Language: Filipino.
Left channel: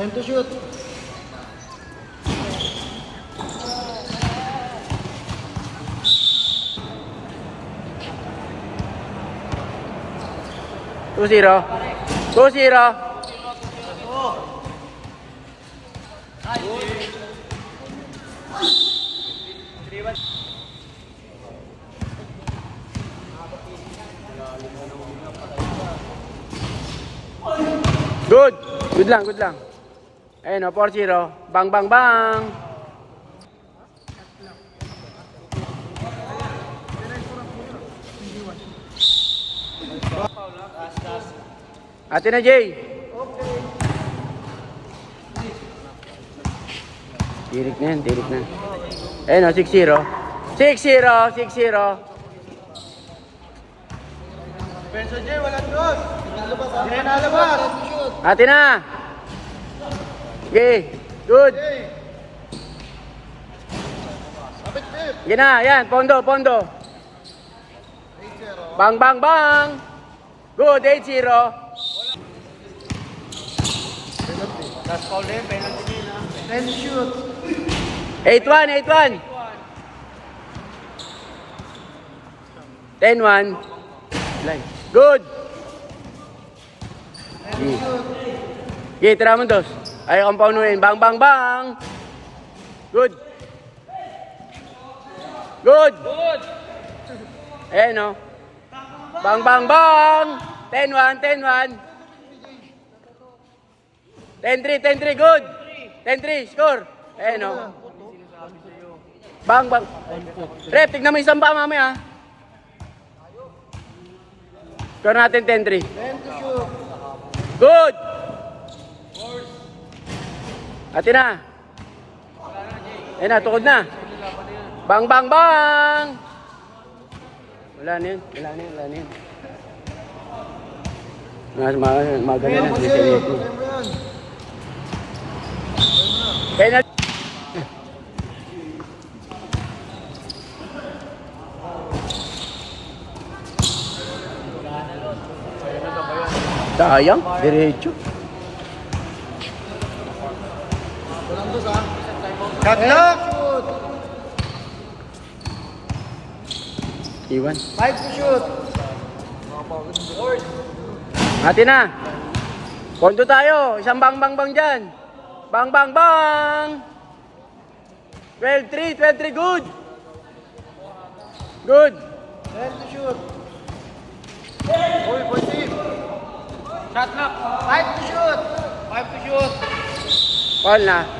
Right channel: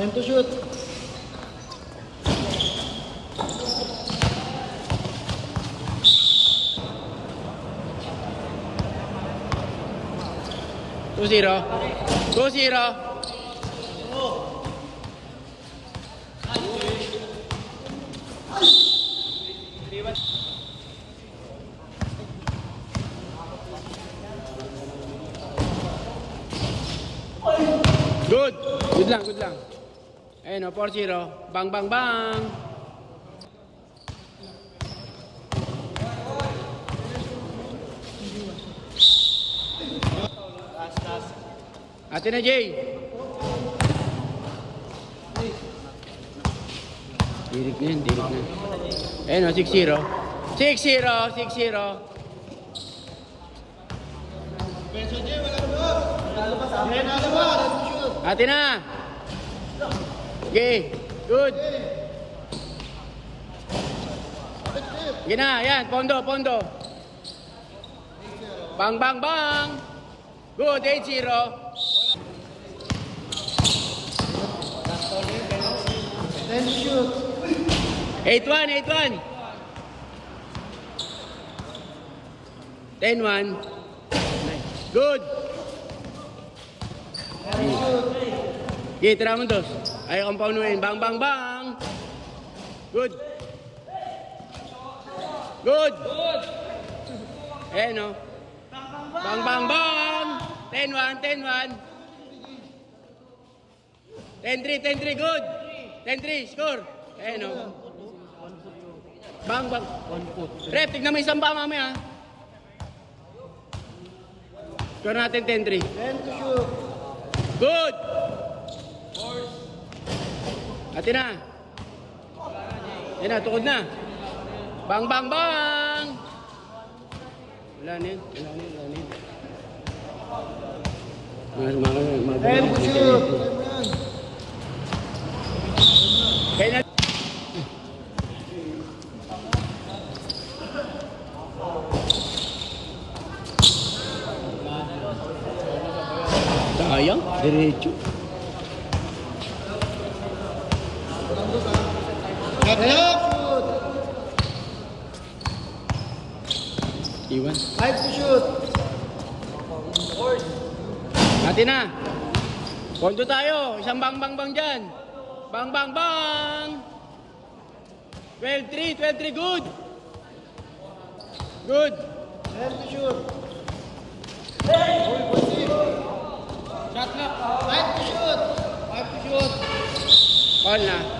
Time to shoot. Two zero. 2-0. Good. Good lang, good lang. Ayun o, 4-0. Bang, bang, bang. Atin na, Jay. Dirik na yan, dirik na. Ayun o, 6-0. 6-0, 6-0. Benzo J, walang doon. Jay, nalabas. Time to shoot. Atin na. Okay, good. Sige na, yan, pondo, pondo. Bang, bang, bang. Good, 8-0. Time to shoot. 8-1, 8-1. 10-1. Good. Time to shoot. Okay, tira mo dos. Ayaw kang paunuin. Bang, bang, bang. Good. Good. Ayan o. Bang, bang, bang. 10-1, 10-1. 10-3, 10-3. Good. 10-3, score. Ayan o. Bang, bang. Rep, tignan mo yung isang ba mamaya. Score natin 10-3. Time to shoot. Good. Atin na. Ayan na, tukod na. Bang, bang, bang. Wala na yun, wala na yun, wala na yun. Maganda na. Time to shoot. Penalty. Sayang, diretso. Shot lock. Shoot. Iwan. Time to shoot. Natin na. Pondo tayo. Isang bang bang bang dyan. Bang bang bang. 12-3, 12-3. Good. Good. Time to shoot. Shot lock. Time to shoot. Ball na.